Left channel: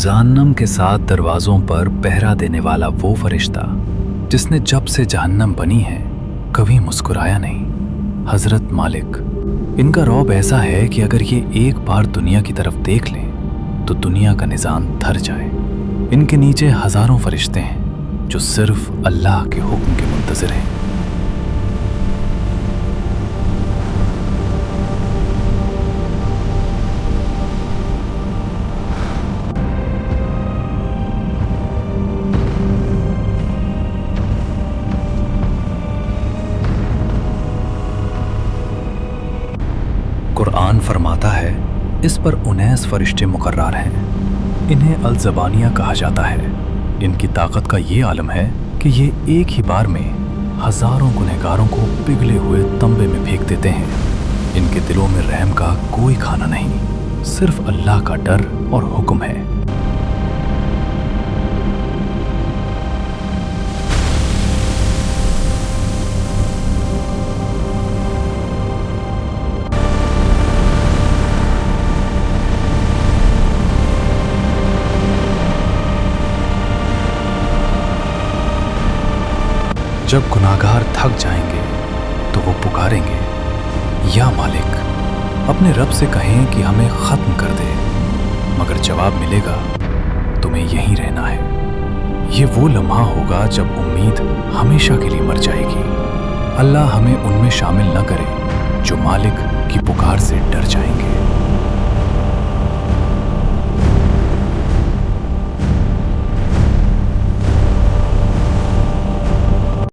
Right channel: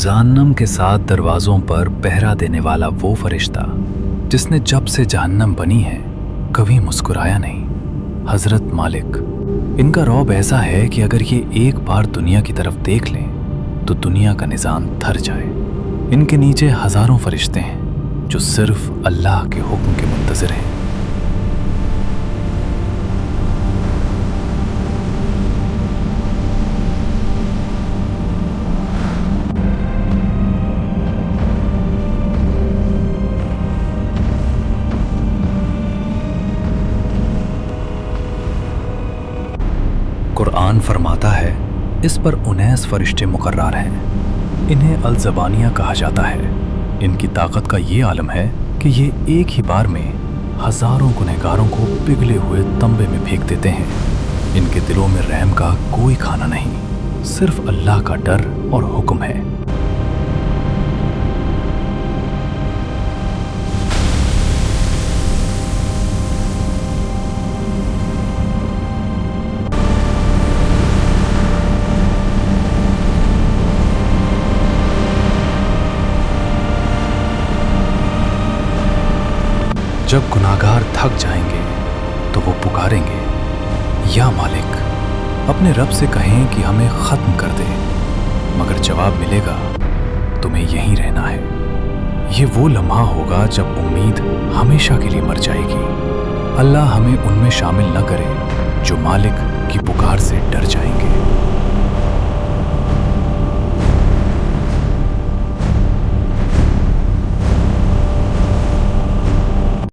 जहन्नम के 7 दरवाज़ों पर पहरा देने वाला वो फरिश्ता जिसने जब से जहन्नम बनी है कभी मुस्कुराया नहीं। हज़रत मालिक, इनका रौब ऐसा है कि अगर ये एक बार दुनिया की तरफ देख लें तो दुनिया का निज़ाम थर जाए। इनके नीचे हज़ारों फरिश्ते हैं जो सिर्फ अल्लाह के हुक्म के मुंतज़िर हैं। कुरान फरमाता है, इस पर 19 फरिश्ते मुकर्रर हैं। इन्हें अल-ज़बानिया कहा जाता है। इनकी ताकत का ये आलम है कि ये एक ही बार में हज़ारों गुनहगारों को पिघले हुए तंबे में फेंक देते हैं। इनके दिलों में रहम का कोई खाना नहीं, सिर्फ अल्लाह का डर और हुक्म है। जब गुनाहगार थक जाएंगे तो वो पुकारेंगे, या मालिक, अपने रब से कहें कि हमें ख़त्म कर दे, मगर जवाब मिलेगा, तुम्हें यहीं रहना है। ये वो लम्हा होगा जब उम्मीद हमेशा के लिए मर जाएगी। अल्लाह हमें उनमें शामिल न करे जो मालिक की पुकार से डर जाएंगे।